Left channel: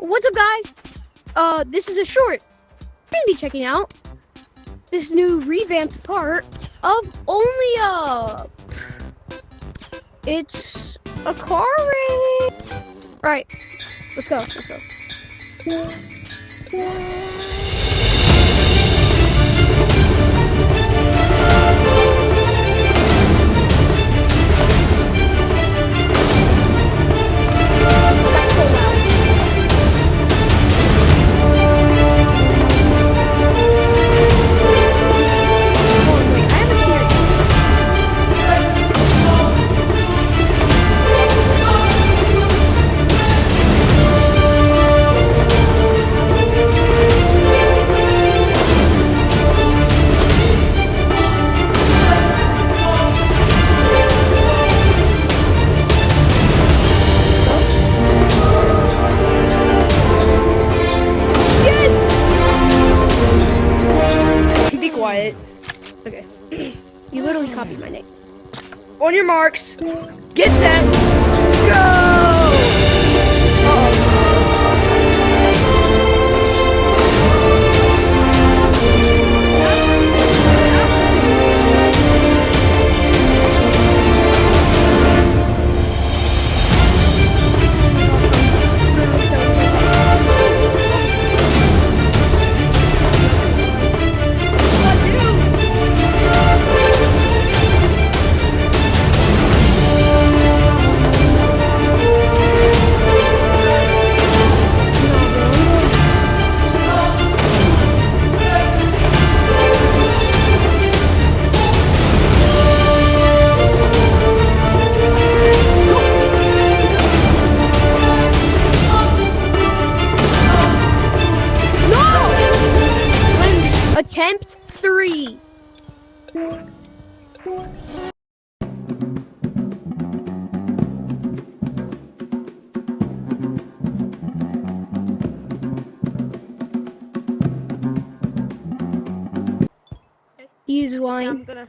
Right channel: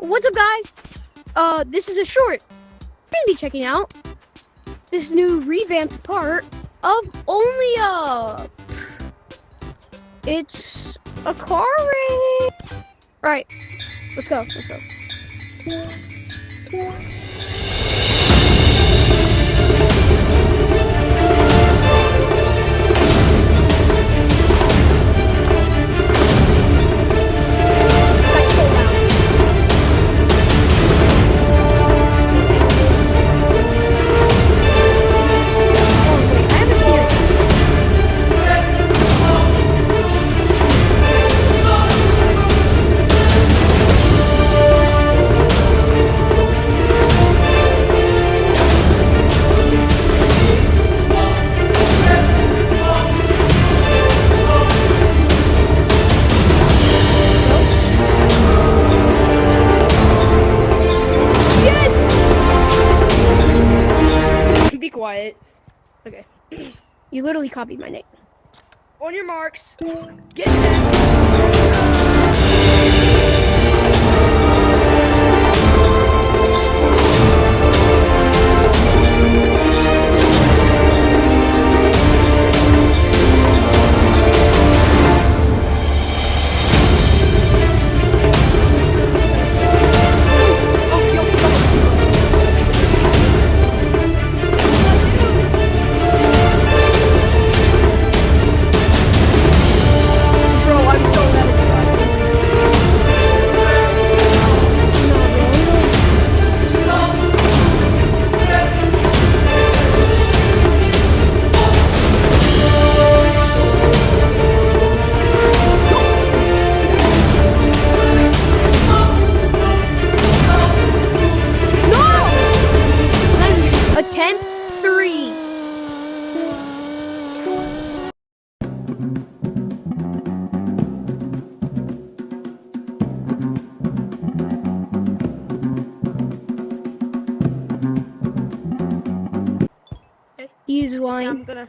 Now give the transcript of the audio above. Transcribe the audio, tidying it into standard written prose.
What's up, guys? This is a short. We're gonna be checking out this new revamped part of Only Up. It's a car race. Right, let's go. Let's go. That's so loud. Oh wait, I have a theory. Be quiet. Okay. You literally copied my name. On your marks. Get set. Go! Attempt 3. He's lying. I'm gonna